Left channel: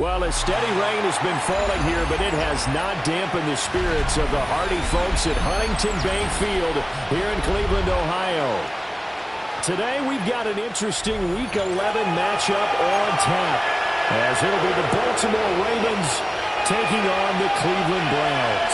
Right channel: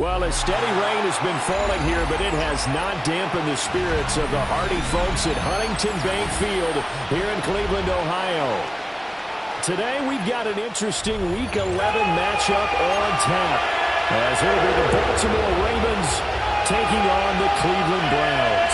Well, a steady rain has been falling here, but it has not dampened the spirits of the hardy folks at Huntington Bank Field here in Cleveland, Ohio. Today, we've got an interesting Week 11 matchup on tap, as it'll be the Baltimore Ravens taking on the Cleveland Browns.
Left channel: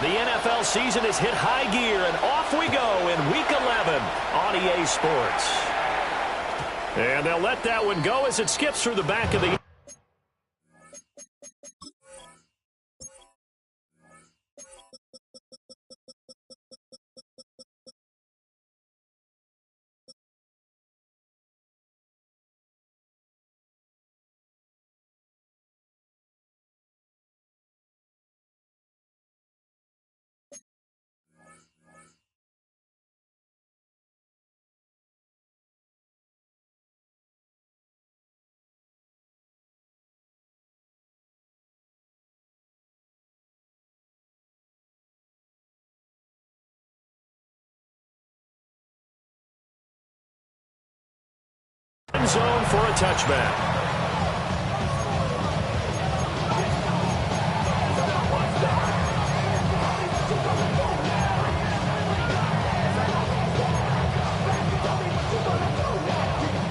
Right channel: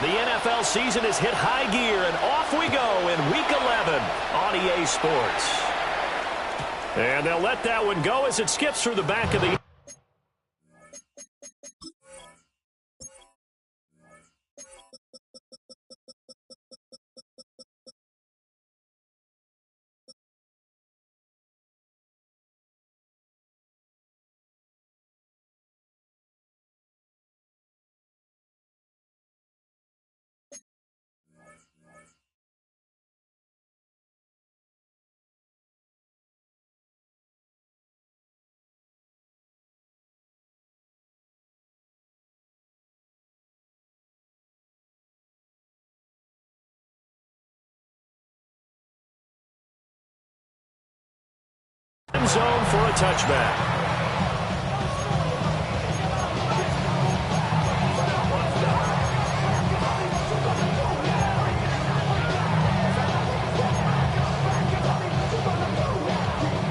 The NFL season has hit high gear, and off we go in Week 11 on EA Sports. And they'll let that one go as it skips through the back of the... zone for a touchback.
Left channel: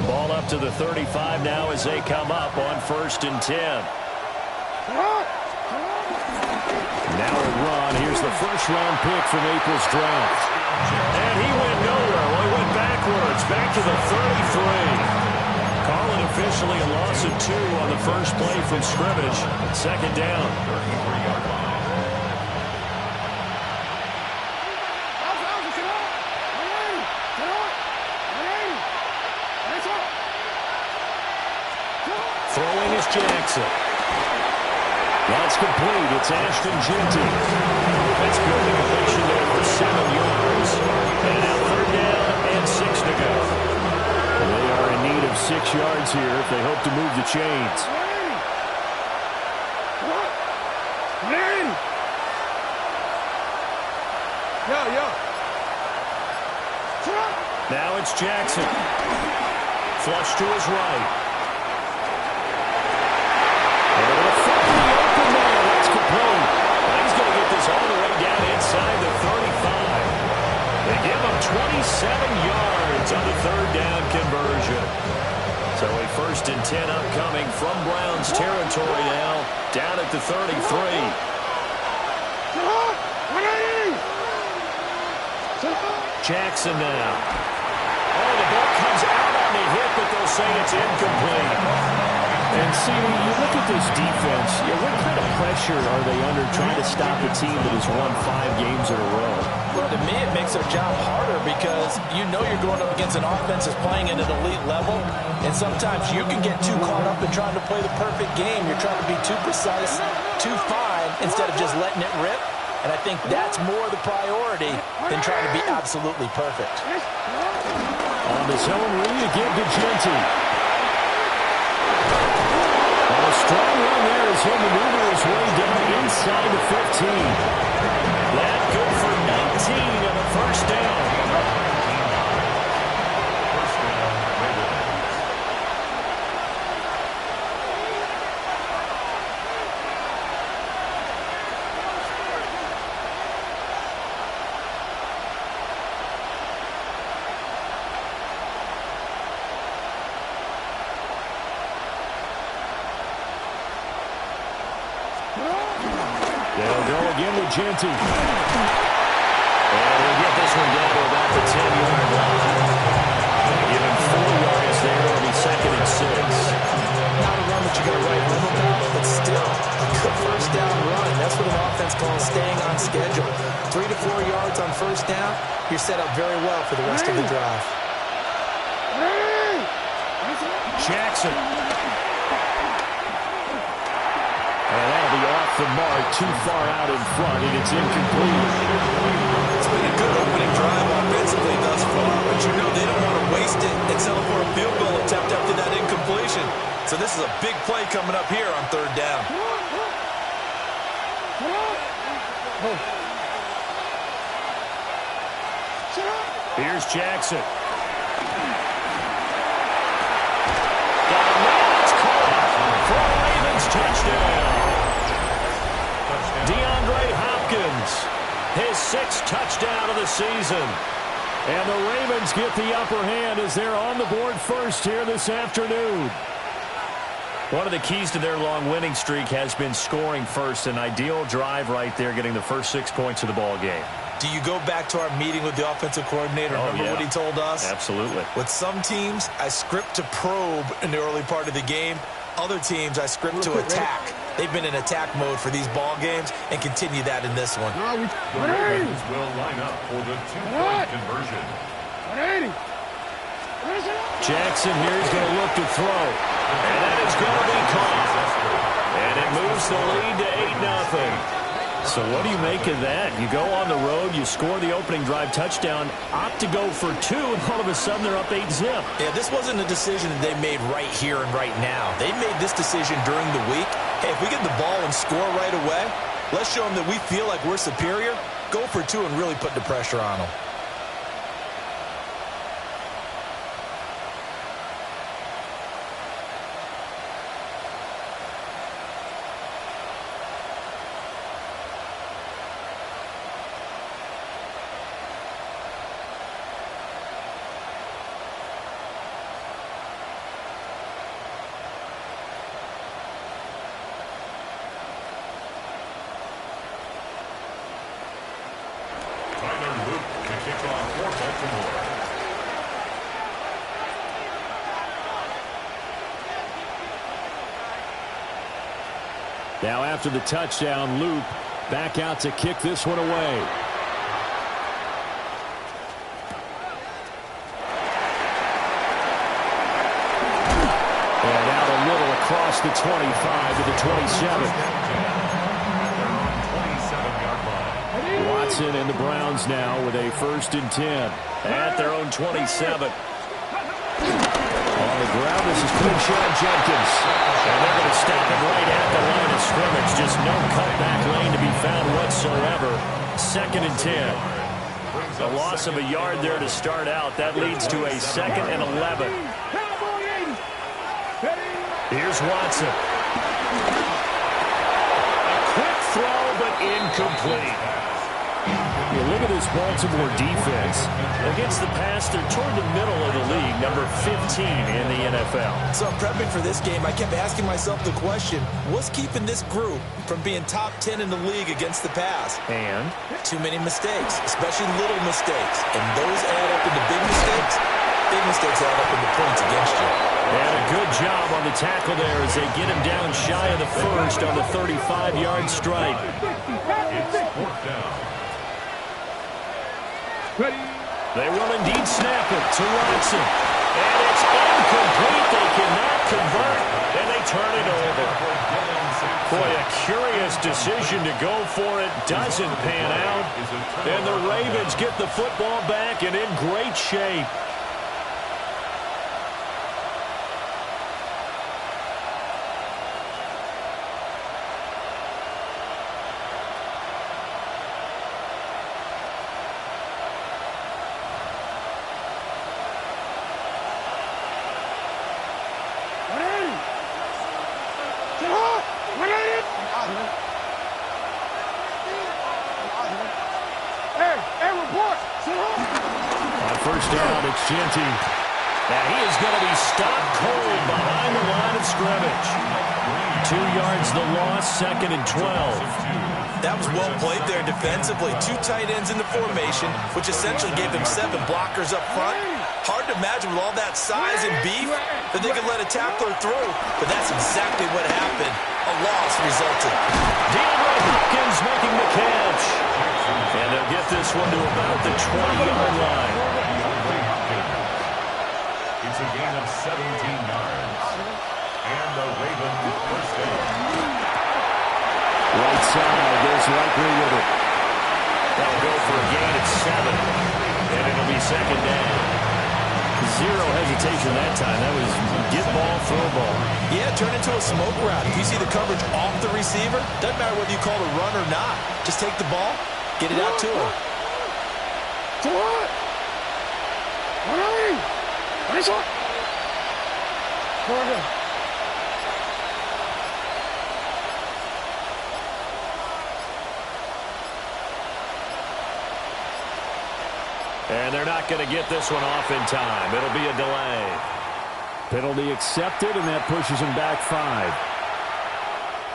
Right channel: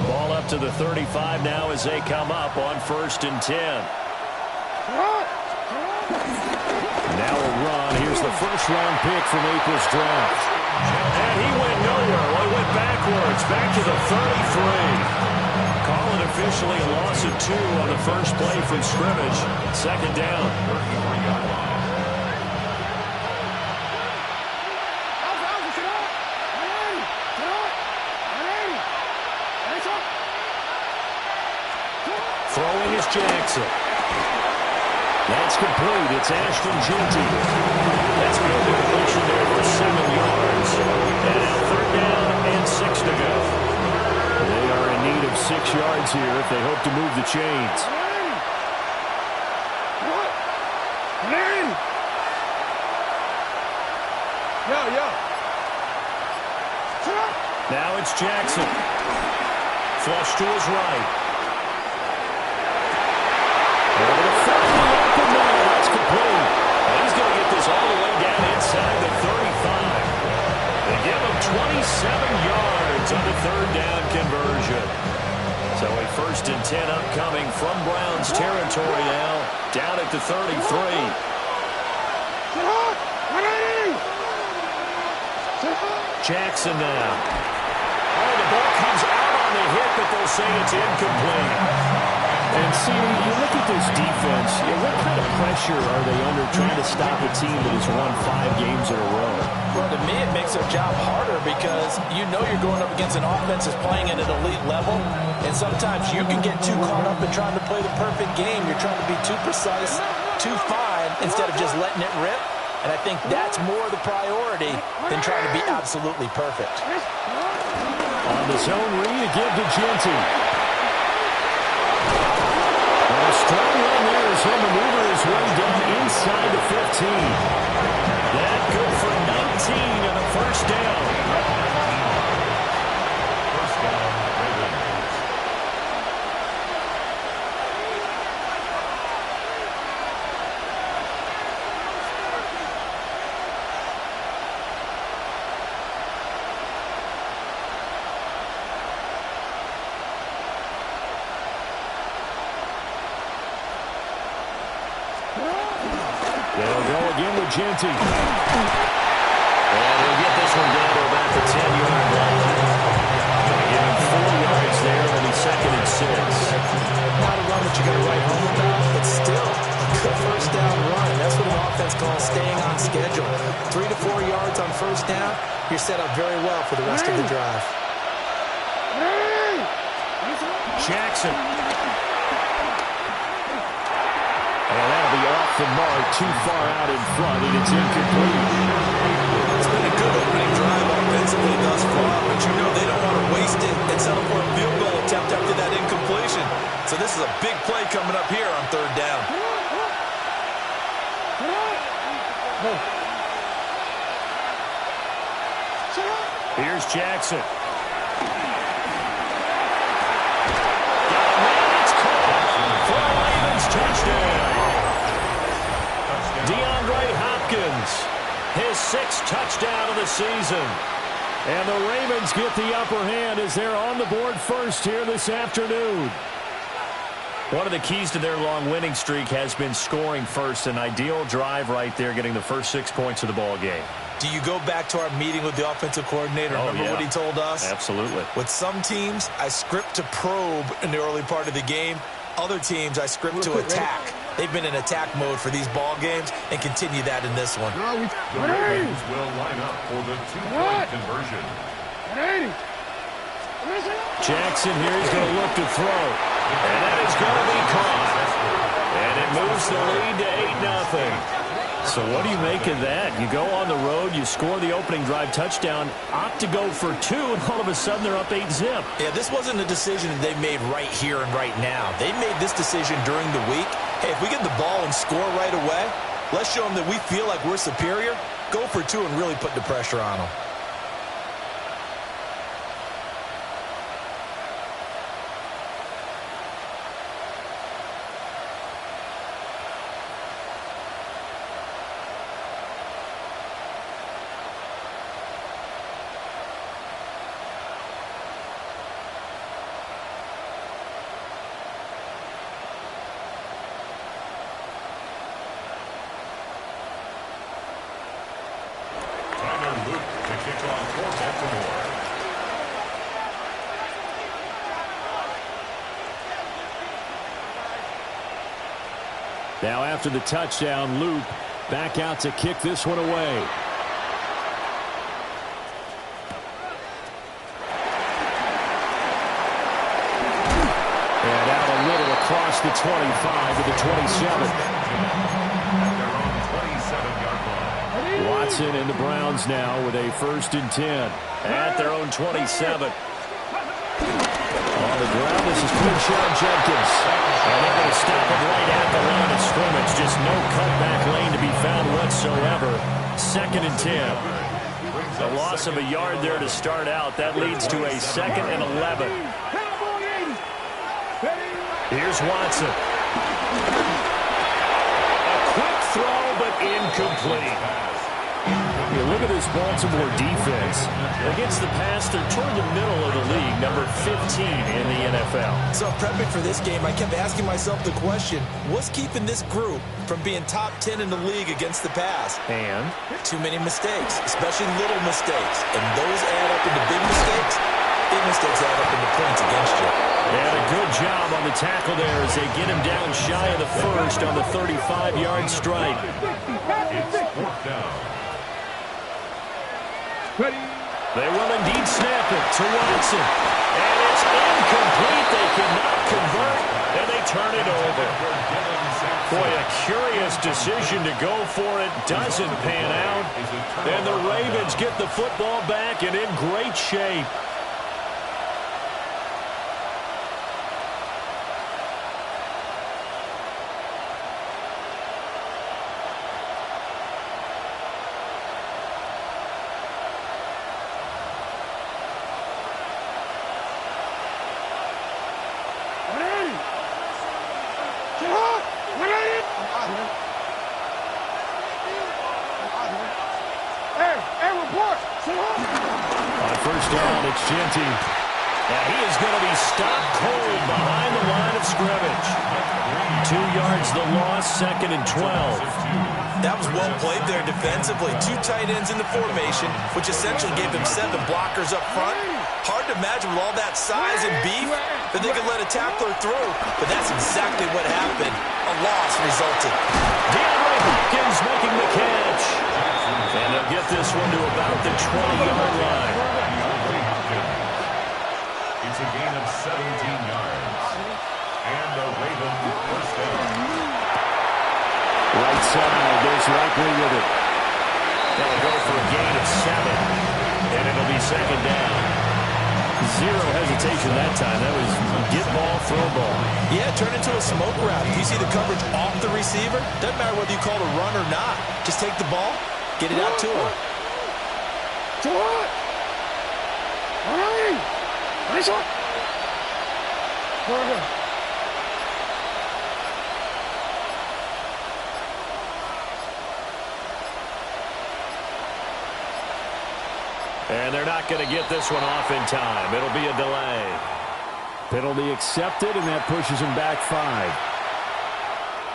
Ball up to the 35 now as they come up on 1st and 10. Now a run. Here's the first-round pick from April's draft. And he went nowhere. Well, he went backwards, back to the 33. Call it officially a loss of 2 on the first play from scrimmage. 2nd down. 33-yard line. Throwing is Jackson. That's complete. It's Ashton Jeanty. That's good. The completion there for 7 yards. And now 3rd down and 6 to go. They are in need of 6 yards here if they hope to move the chains. Now it's Jackson. Flush to his right. Able to find the open man. That's complete. And he's going to get this all the way down inside the 35. They give him 27 yards on the 3rd down conversion. So a 1st and 10 upcoming from Browns territory now, down at the 33. Jackson now. Oh, the ball comes out on the hit, but they'll say it's incomplete. And, see, you look at this defense, what kind of pressure are they under trying to stop a team that has won 5 games in a row? Well, to me, it makes their job harder because you know you're going up against an offense that's playing at an elite level, and sometimes you can get too caught up in trying to play the perfect game. You're trying to be too precise, too fine, instead of just letting it rip. And I think that's more the priority than trying to be absolutely perfect. On the zone read, a give to Jeanty. And a strong run there as he'll maneuver his way down inside the 15. That good for 19 on the 1st down. First down, Ravens. They'll go again with Jeanty. And he'll get this one down to about the 10-yard line. They give him 4 yards there. It'll be 2nd and 6. Not a run that you're going to write home about, but still a good 1st down run. That's what an offense calls staying on schedule. 3 to 4 yards on 1st down, you're set up very well for the rest of the drive. Jackson. the mark, too far out in front, and it's incomplete. It's been a good opening drive offensively thus far, but you know they don't want to waste it and settle for a field goal attempt after that incompletion. So this is a big play coming up here on third down. Here's Jackson. Got a man that's caught for a Ravens touchdown. DeAndre Hopkins, his 6th touchdown of the season. And the Ravens get the upper hand as they're on the board first here this afternoon. One of the keys to their long winning streak has been scoring first. An ideal drive right there, getting the first 6 points of the ball game. Do you go back to our meeting with the offensive coordinator? Remember what he told us? Absolutely. With some teams, I script to probe in the early part of the game. Other teams, I script to attack. They've been in attack mode for these ball games and continue that in this one. The Ravens will line up for the 2-point conversion. Jackson here is going to look to throw. And that is going to be caught. And it moves the lead to 8-0. So what do you make of that? You go on the road, you score the opening drive touchdown, opt to go for 2, and all of a sudden they're up 8-zip. Yeah, this wasn't a decision that they made right here and right now. They made this decision during the week. Hey, if we get the ball and score right away, let's show them that we feel like we're superior. Go for 2 and really put the pressure on them. Luke to kick off for Baltimore. Now after the touchdown, Luke back out to kick this one away. And out a little across the 25 to the 27. Watson and the Browns now with a 1st and 10 at their own 27. On the ground, this is Quinshon Judkins. And they're going to stop him right at the line of scrimmage. Just no cutback lane to be found whatsoever. 2nd and 10. A loss of a yard there to start out. That leads to a 2nd and 11. Here's Watson. A quick throw, but incomplete. You look at this Baltimore defense. Against the pass, they're toward the middle of the league, number 15 in the NFL. So prepping for this game, I kept asking myself the question, what's keeping this group from being top 10 in the league against the pass? And? Too many mistakes, especially little mistakes. And those add up into big mistakes. Big mistakes add up into points against you. And a good job on the tackle there as they get him down shy of the first on the 35-yard strike. It's 4th down. They will indeed snap it to Watson. And it's incomplete. They cannot convert, and they turn it over. Boy, a curious decision to go for it. Doesn't pan out. And the Ravens get the football back and in great shape. On 1st down, it's Genty. And he is going to be stopped cold behind the line of scrimmage. 2 yards the loss, 2nd and 12. That was well played there defensively. 2 tight ends in the formation, which essentially gave them 7 blockers up front. Hard to imagine with all that size and beef that they could let a tackler through. But that's exactly what happened. A loss resulted. DeAndre Hopkins making the catch. And they'll get this one to about the 20-yard line. It's a gain of 17 yards. And the Ravens 1st down. Right side, there's Likely with it. They'll go for a gain of 7, and it'll be second down. Zero hesitation that time. That was get ball, throw ball. Yeah, turn into a smoke route. If you see the coverage off the receiver, doesn't matter whether you call it a run or not. Just take the ball, get it out to him. And they're not going to get this one off in time. It'll be a delay. Penalty accepted, and that pushes him back 5.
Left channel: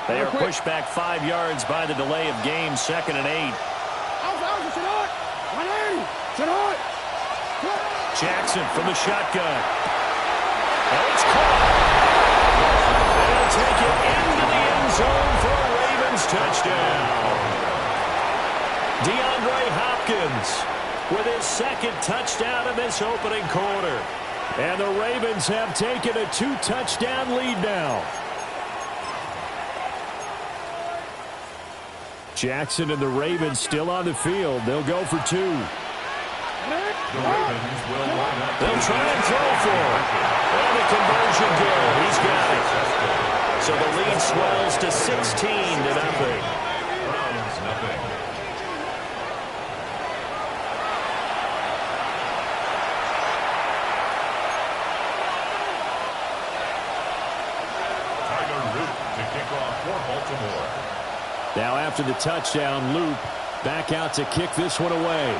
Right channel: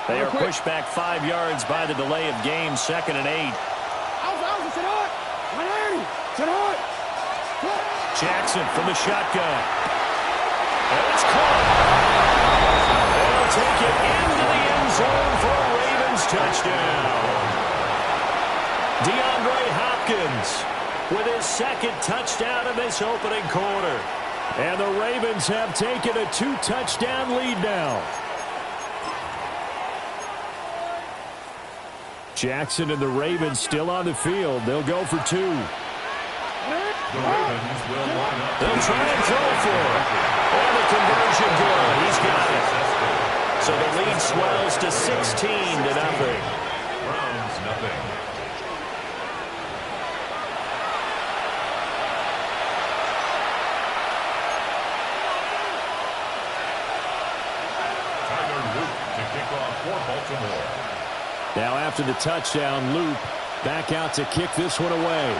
They are pushed back 5 yards by the delay of game, 2nd and 8. Jackson from the shotgun. And it's caught. They'll take it into the end zone for a Ravens touchdown. DeAndre Hopkins with his 2nd touchdown in this opening quarter. And the Ravens have taken a 2-touchdown lead now. Jackson and the Ravens still on the field. They'll go for 2. The Ravens will line up. They'll try and throw for it. And the conversion good. He's got it. So the lead swells to 16-0. Browns, nothing. To kick off for Baltimore. Now after the touchdown, Loop back out to kick this one away.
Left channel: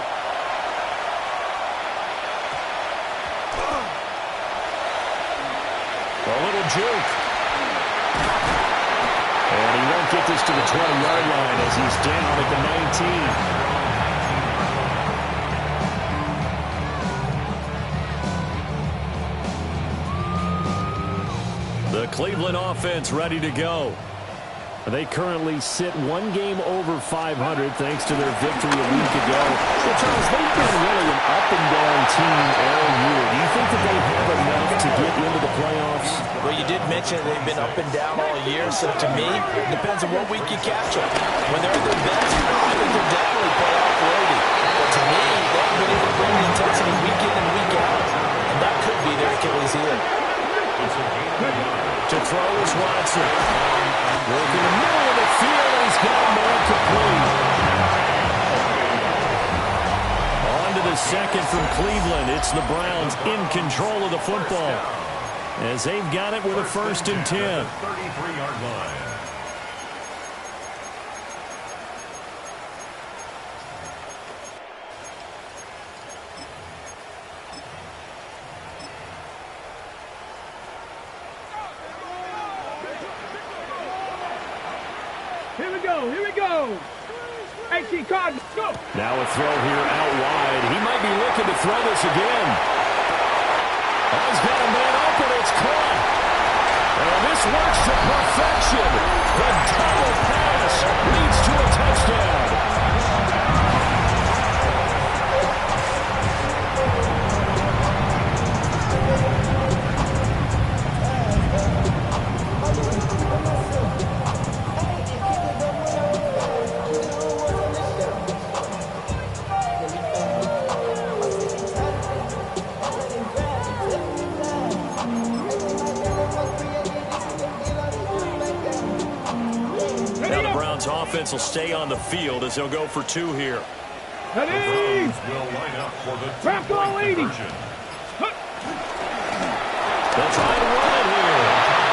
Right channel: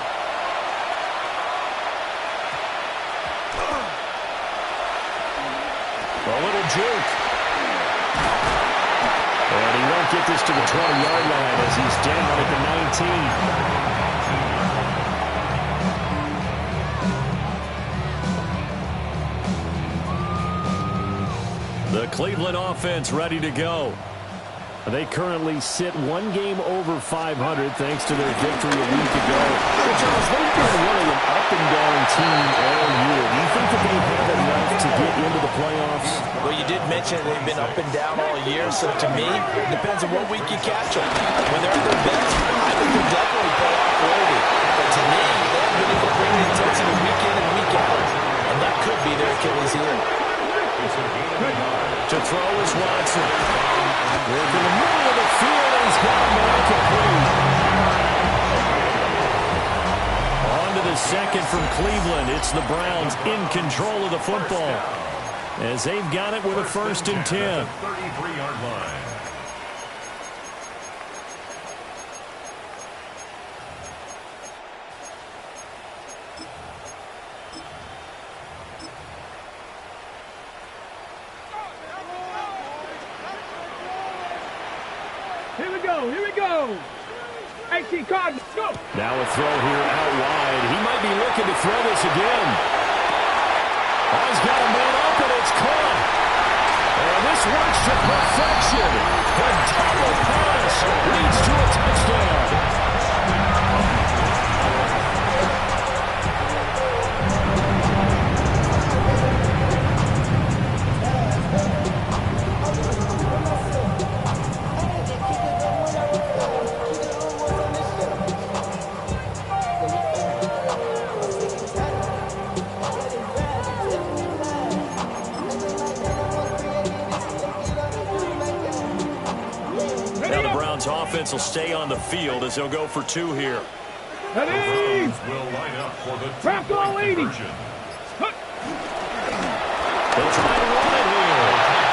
A little juke. And he won't get this to the 20-yard line as he's down at the 19. The Cleveland offense ready to go. They currently sit 1 game over 500 thanks to their victory a week ago. Well, Charles, they've been really an up-and-down team all year. Do you think that they have enough to get into the playoffs? Well, you did mention they've been up and down all year, so to me, it depends on what week you catch them. When they're at their best, I think they're definitely playoff worthy. But to me, they haven't been able to bring the intensity week in and week out, and that could be their Achilles heel. To throw is Watson. Work in the middle of the field, and he's got a man complete. On to the 2nd from Cleveland. It's the Browns in control of the football, as they've got it with a 1st and 10. 33-yard line. Here we go. AC Card, go. Now a throw here out wide. He might be looking to throw this again. Oh, he's got a man open. It's caught. And this works to perfection. The double pass leads to a touchdown. Offense will stay on the field as they'll go for 2 here. The Browns will line up for the 2-point conversion. They'll try to run it here.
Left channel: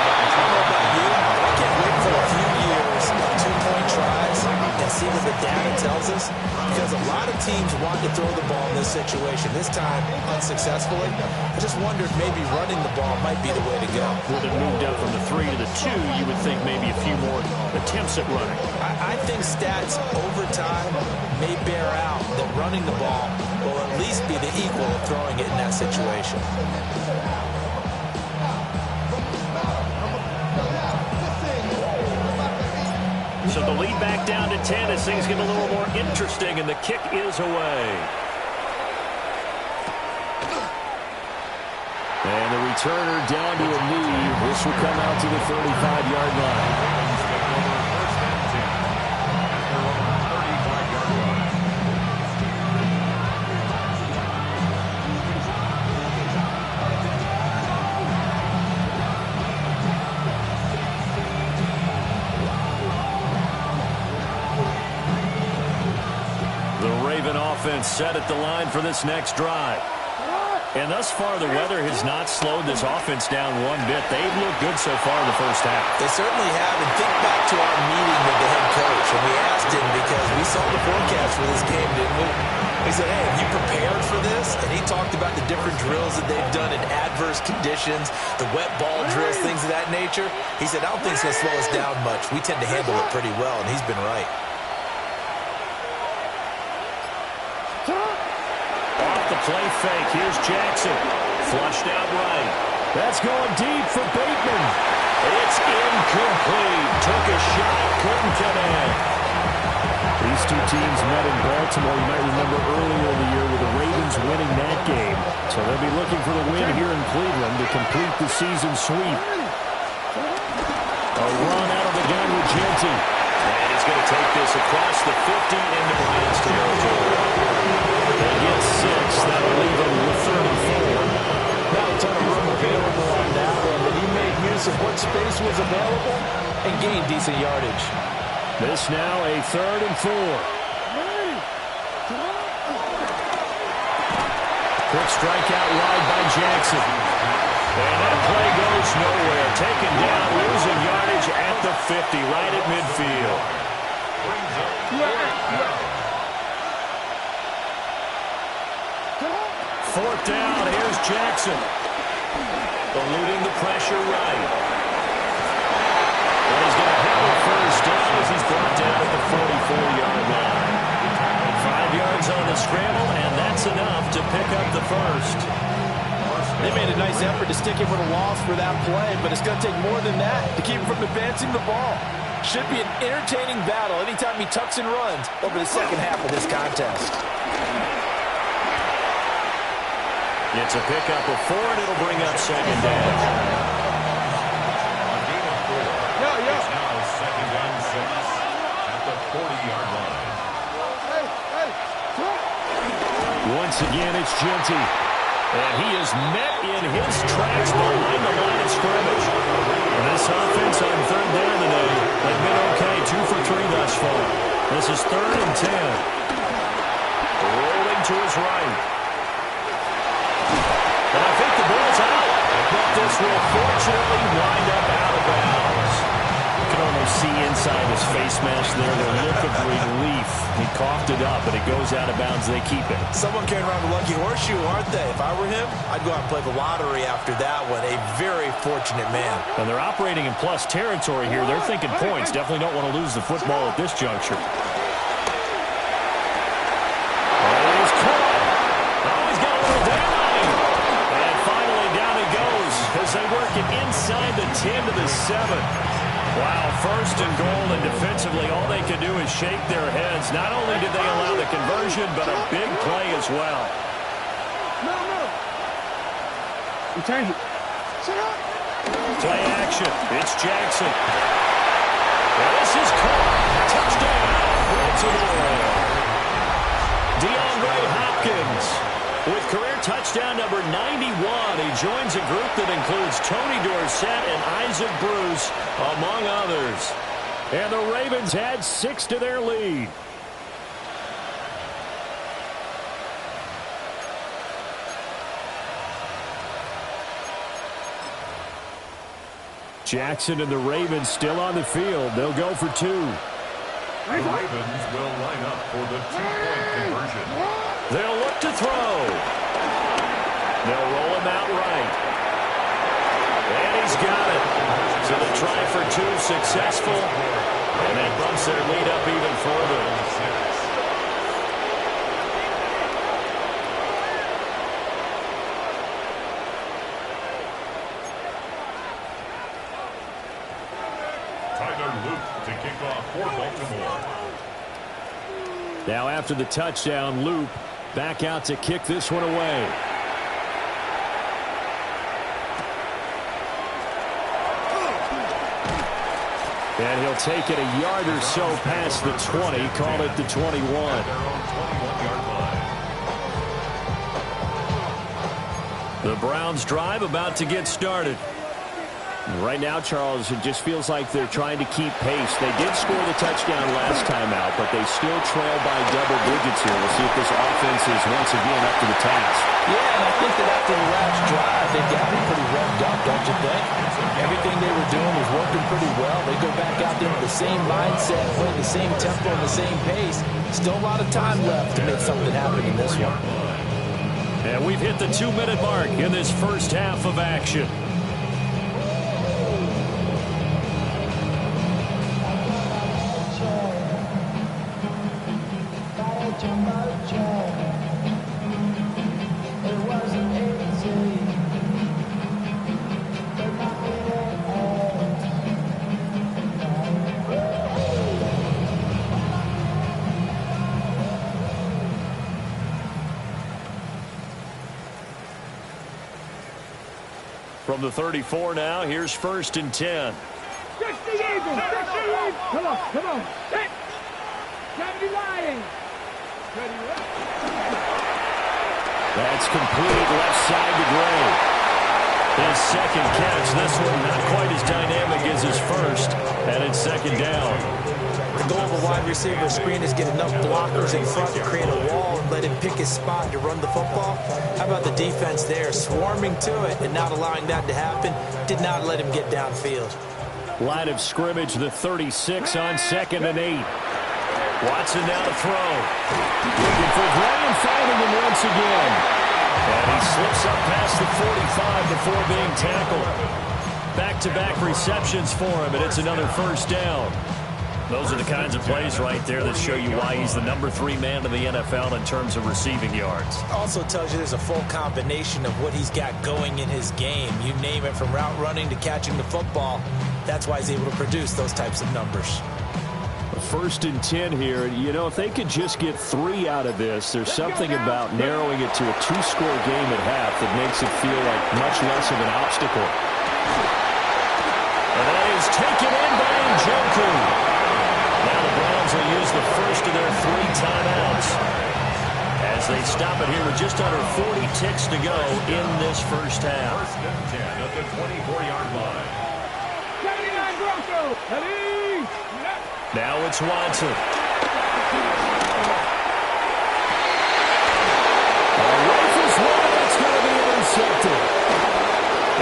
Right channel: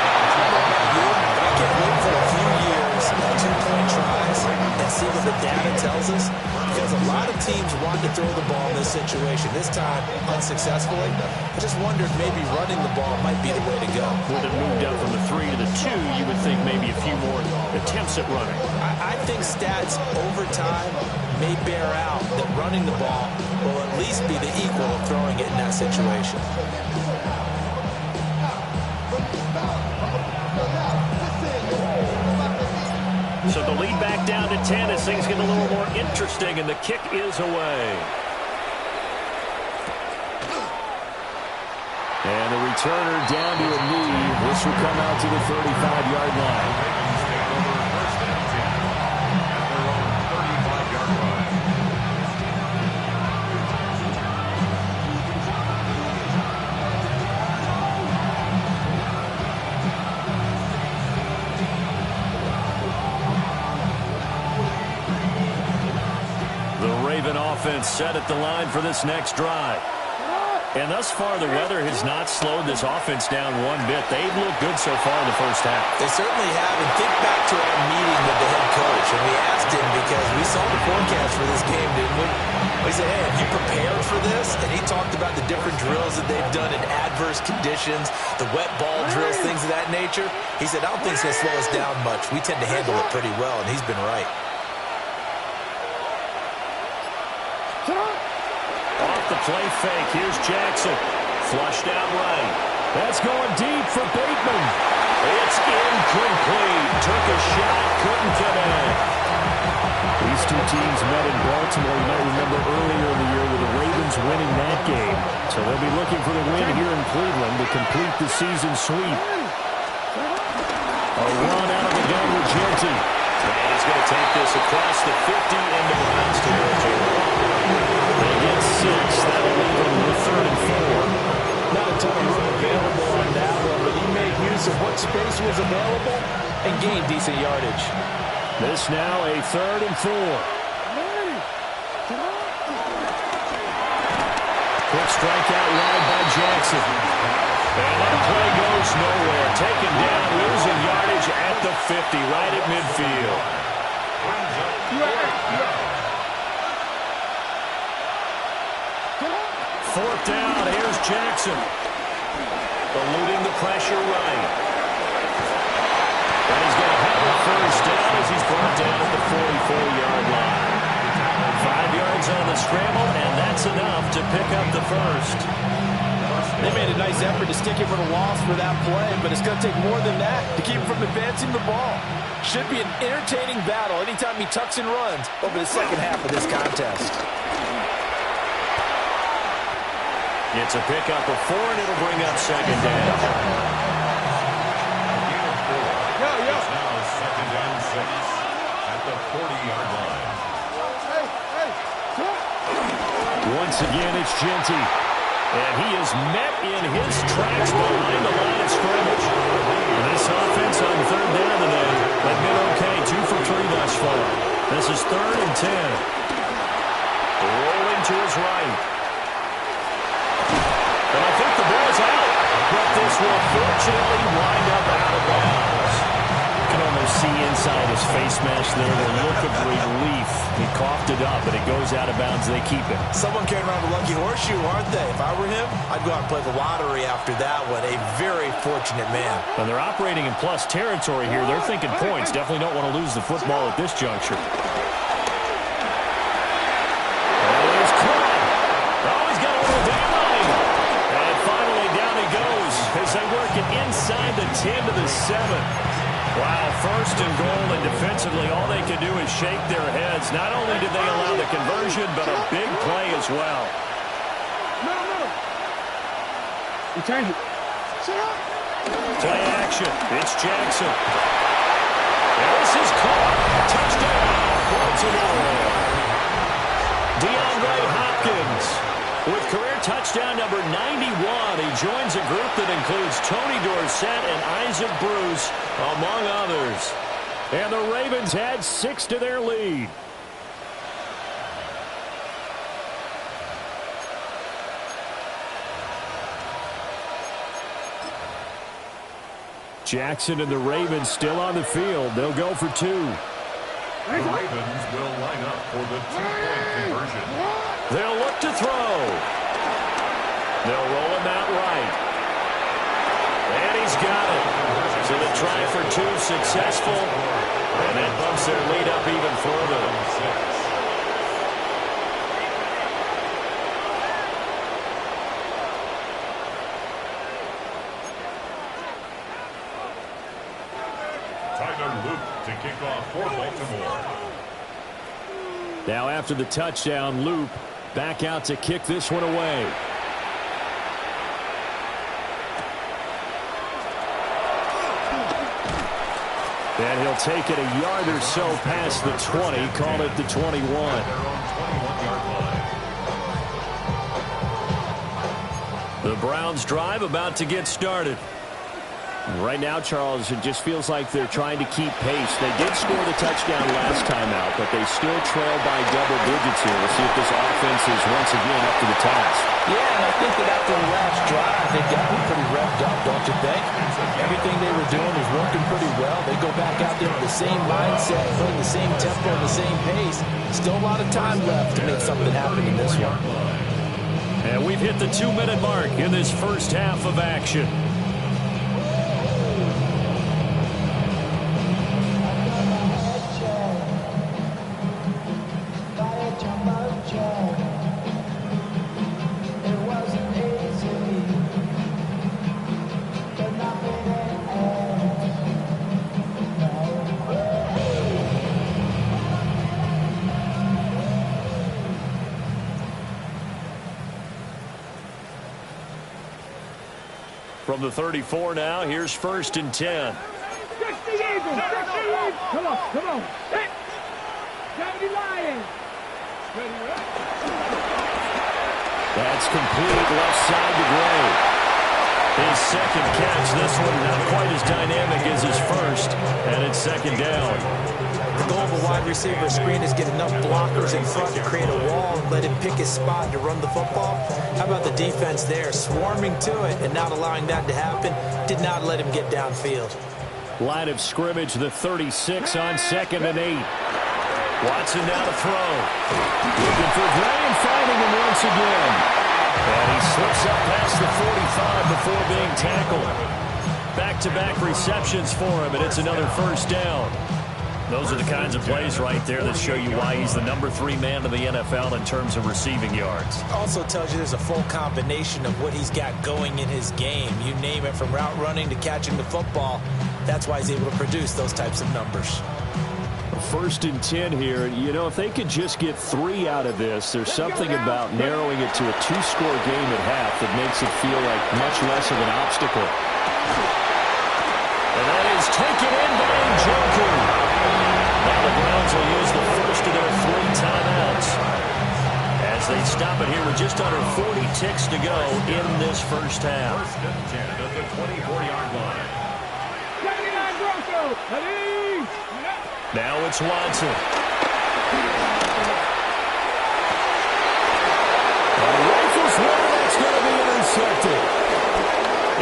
I don't know about you, but I can't wait for a few years of 2-point tries and see what the data tells us, because a lot of teams want to throw the ball in this situation. This time, unsuccessfully. I just wonder if maybe running the ball might be the way to go. With it moved up from the 3 to the 2, you would think maybe a few more attempts at running. I think stats over time may bear out that running the ball will at least be the equal of throwing it in that situation. So the lead back down to 10 as things get a little more interesting, and the kick is away. And the returner down to a knee. This will come out to the 35-yard line. Ravens take over 1st and 10. offense set at the line for this next drive. And thus far, the weather has not slowed this offense down one bit. They've looked good so far in the first half. They certainly have. And think back to our meeting with the head coach. And we asked him because we saw the forecast for this game, didn't we? We said, hey, have you prepared for this? And he talked about the different drills that they've done in adverse conditions, the wet ball drills, things of that nature. He said, I don't think it's going to slow us down much. We tend to handle it pretty well, and he's been right. Off the play fake. Here's Jackson. Flushed out right. That's going deep for Bateman. It's incomplete. Took a shot, couldn't connect. These two teams met in Baltimore. You might remember earlier in the year with the Ravens winning that game. So they'll be looking for the win here in Cleveland to complete the season sweep. A run out of the gun with Jeanty. And he's going to take this across the 50 into Browns territory. They get 6. That'll leave them with 3rd and 4. Not a ton of room available on that one, but he made use of what space was available and gained decent yardage. This now a 3rd and 4. Quick strikeout wide by Jackson. And that play goes nowhere. Taken down, losing yardage at the 50, right at midfield. 4th down, here's Jackson. Eluding the pressure right. And he's going to have a first down as he's brought down at the 44-yard line. 5 yards on the scramble, and that's enough to pick up the first. They made a nice effort to stick him with a loss for that play, but it's going to take more than that to keep him from advancing the ball. Should be an entertaining battle anytime he tucks and runs over the second half of this contest. It's a pickup of 4, and it'll bring up 2nd down. A gain of 4. It's now 2nd and 6 at the 40-yard line. Once again, it's Jeanty. And he is met in his tracks behind the line of scrimmage. This offense on 3rd down today has been okay. 2 for 3 thus far. This is 3rd and 10. Rolling to his right. And I think the ball's out. But this will fortunately wind up out of bounds. You can almost see inside his face mask there the look of relief. He coughed it up, but it goes out of bounds. They keep it. Someone carrying around a lucky horseshoe, aren't they? If I were him, I'd go out and play the lottery after that one. A very fortunate man. And they're operating in plus territory here. They're thinking points. Definitely don't want to lose the football at this juncture. That is caught. Oh, he's got a little daylight. And finally down he goes as they work it inside the 10 to the 7. Wow, 1st and goal, and defensively all they can do is shake their heads. Not only did they allow the conversion, but a big play as well. Return. Play action. It's Jackson. And this is caught. Touchdown, Baltimore. DeAndre Hopkins with career touchdown number 91. He joins a group that includes Tony Dorsett and Isaac Bruce, among others. And the Ravens add 6 to their lead. Jackson and the Ravens still on the field. They'll go for 2. The Ravens will line up for the 2-point conversion. They'll look to throw. They'll roll him out right. And he's got it. So the try for 2 successful. And that bumps their lead up even further. Tyler Luke to kick off for Baltimore. Now after the touchdown, Loop back out to kick this one away. And he'll take it a yard or so past the 20, call it the 21. At their own 21-yard line. The Browns drive about to get started. Right now, Charles, it just feels like they're trying to keep pace. They did score the touchdown last time out, but they still trail by double digits here. We'll see if this offense is once again up to the task. Yeah, and I think that after the last drive, they've got them pretty revved up, don't you think? Everything they were doing was working pretty well. They go back out there with the same mindset, playing the same tempo and the same pace. Still a lot of time left to make something happen in this one. And we've hit the 2-minute mark in this first half of action. From the 34 now, here's 1st and 10. Stretch the eagle! Stretch the eagle! Come on, come on. Set! 70 Lions! Ready, right? That's complete left side to Gray. His second catch, this one not quite as dynamic as his first, and it's 2nd down. The goal of a wide receiver screen is get enough blockers in front to create a wall and let him pick his spot to run the football. How about the defense there, swarming to it and not allowing that to happen? Did not let him get downfield. Line of scrimmage, the 36 on 2nd and 8. Watson now to throw. Looking for Gray and finding him once again. And he slips up past the 45 before being tackled. Back-to-back receptions for him, and it's another 1st down. Those are the kinds of plays right there that show you why he's the number 3 man in the NFL in terms of receiving yards. Also tells you there's a full combination of what he's got going in his game. You name it, from route running to catching the football. That's why he's able to produce those types of numbers. 1st and 10 here. You know, if they could just get 3 out of this, there's something about narrowing it to a 2-score game at half that makes it feel like much less of an obstacle. And that is taken in by Njoku. Now the Browns will use the first of their 3 timeouts as they stop it here with just under 40 ticks to go in this first half. 1st and 10 at the 24-yard line. 79 Broncos! Ready! Now it's Watson. Rifles one, that's going to be intercepted.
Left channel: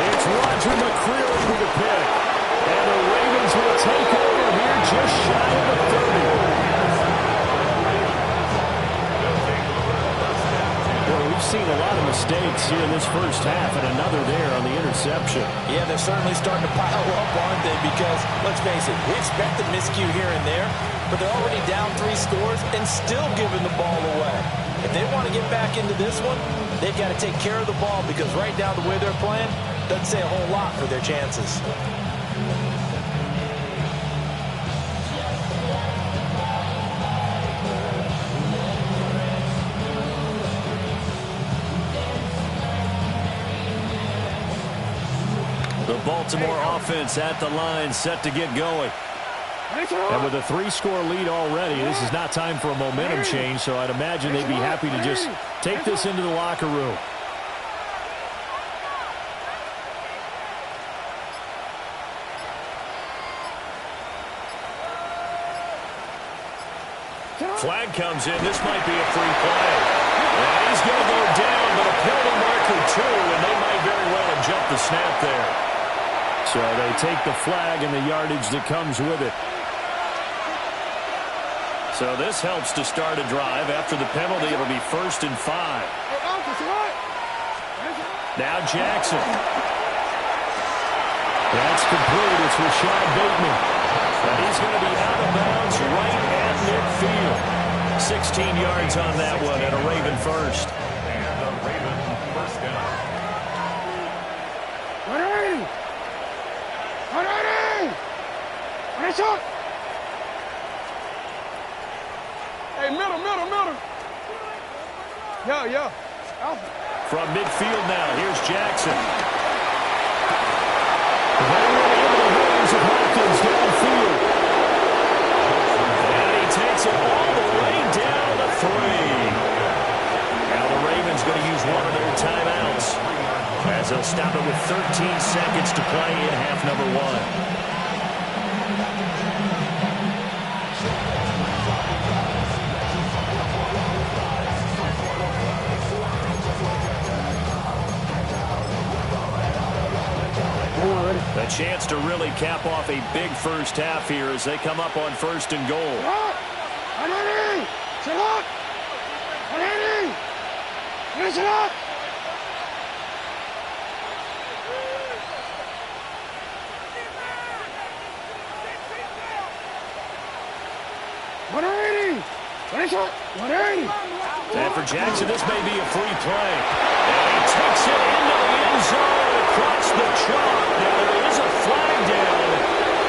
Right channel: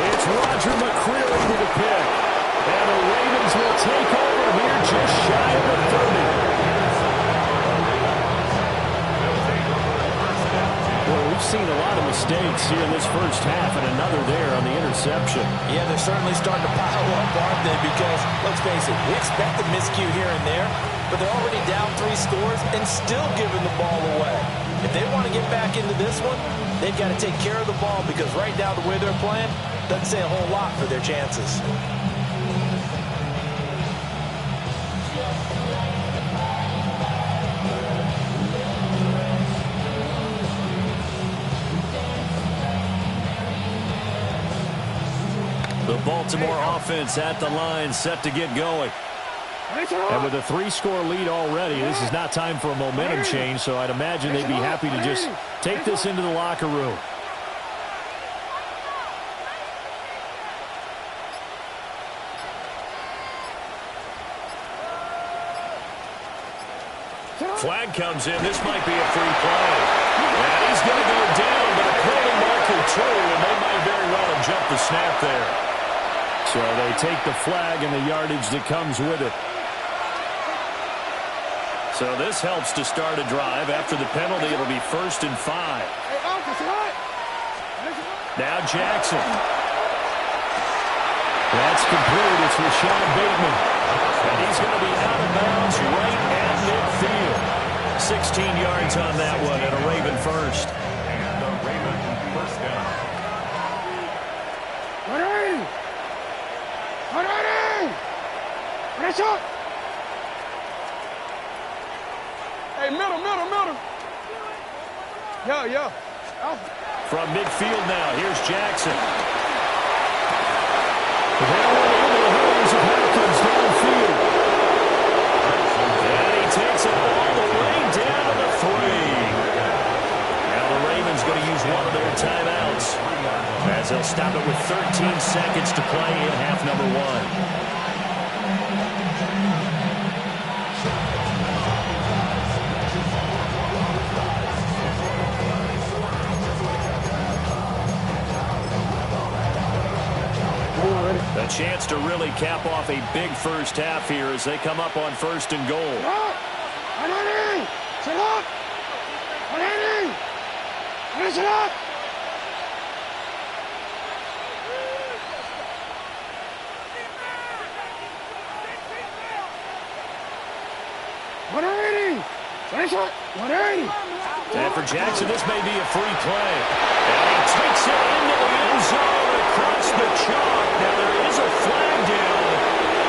It's Roger McCreary with the pick. And the Ravens will take over here just shy of the 30. Boy, we've seen a lot of mistakes here in this first half, and another there on the interception. Yeah, they're certainly starting to pile up, aren't they? Because, let's face it, we expect a miscue here and there, but they're already down 3 scores and still giving the ball away. If they want to get back into this one, they've got to take care of the ball, because right now the way they're playing doesn't say a whole lot for their chances. The Baltimore offense at the line, set to get going. And with a 3-score lead already, this is not time for a momentum change, so I'd imagine they'd be happy to just take this into the locker room. Flag comes in. This might be a free play. And he's going to go down, but a penalty marker 2, and they might very well have jumped the snap there. So they take the flag and the yardage that comes with it. So this helps to start a drive. After the penalty, it'll be 1st and 5. Now Jackson. That's complete. It's Rashad Bateman. And he's going to be out of bounds right at midfield. 16 yards on that one, and a Raven first. And a Raven 1st down. Hey, middle. Yeah. From midfield now, here's Jackson. That one into the hands of Hopkins downfield. And he takes it all the way down to 3. Now the Ravens going to use one of their timeouts, as they'll stop it with 13 seconds to play in half number 1. A chance to really cap off a big first half here as they come up on 1st and goal. And for Jackson, this may be a free play. And he takes it into the end zone across the chalk. Now, there is a flag down,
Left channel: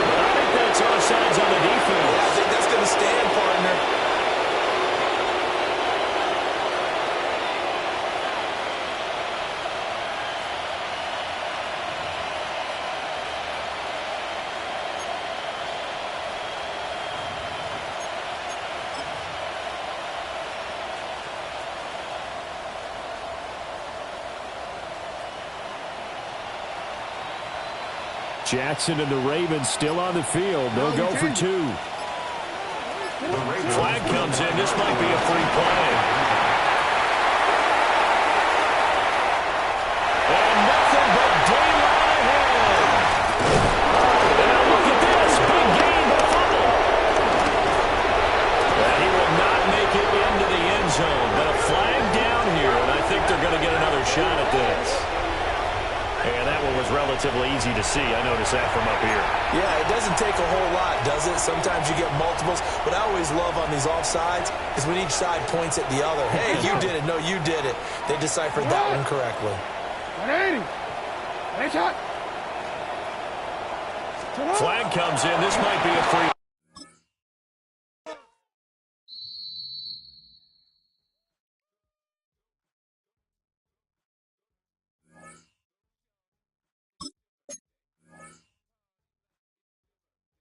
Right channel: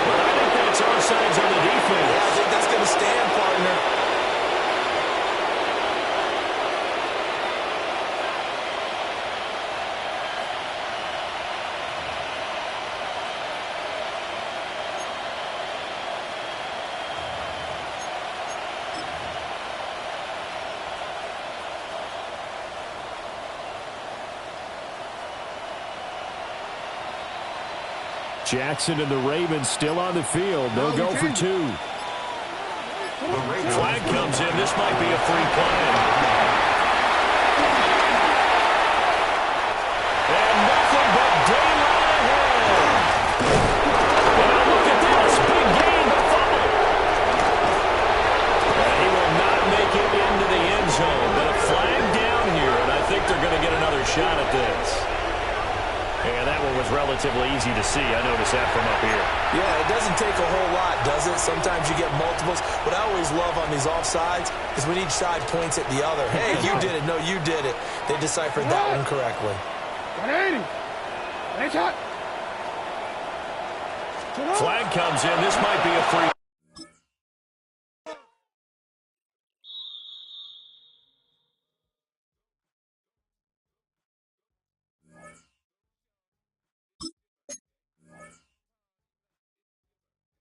but I think that's offsides on the defense. Yeah, I think that's going to stand, partner. Jackson and the Ravens still on the field. They'll go for 2. Flag comes in. This might be a free play. And nothing but daylight ahead. And now look at this. Big gain, but a fumble. And he will not make it into the end zone. But a flag down here, and I think they're going to get another shot at this. And that one was relatively easy to see. I noticed that from up here. Yeah, it doesn't take a whole lot, does it? Sometimes you get multiples. What I always love on these offsides is when each side points at the other. Hey, you did it. No, you did it. They deciphered that one correctly. Flag comes in. This might be a free.